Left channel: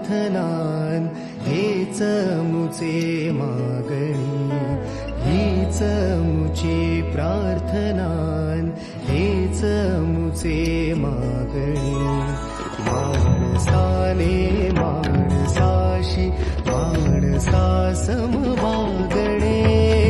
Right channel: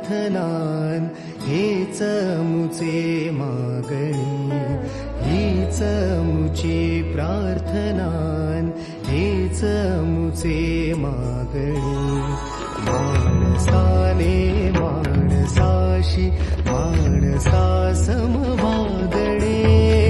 प्रार्थनान हेच मुचे मागणी, हीच मुची प्रार्थनान हेच मुचे मागणी. माणसाने माणसाशी माणसा सम वागणे.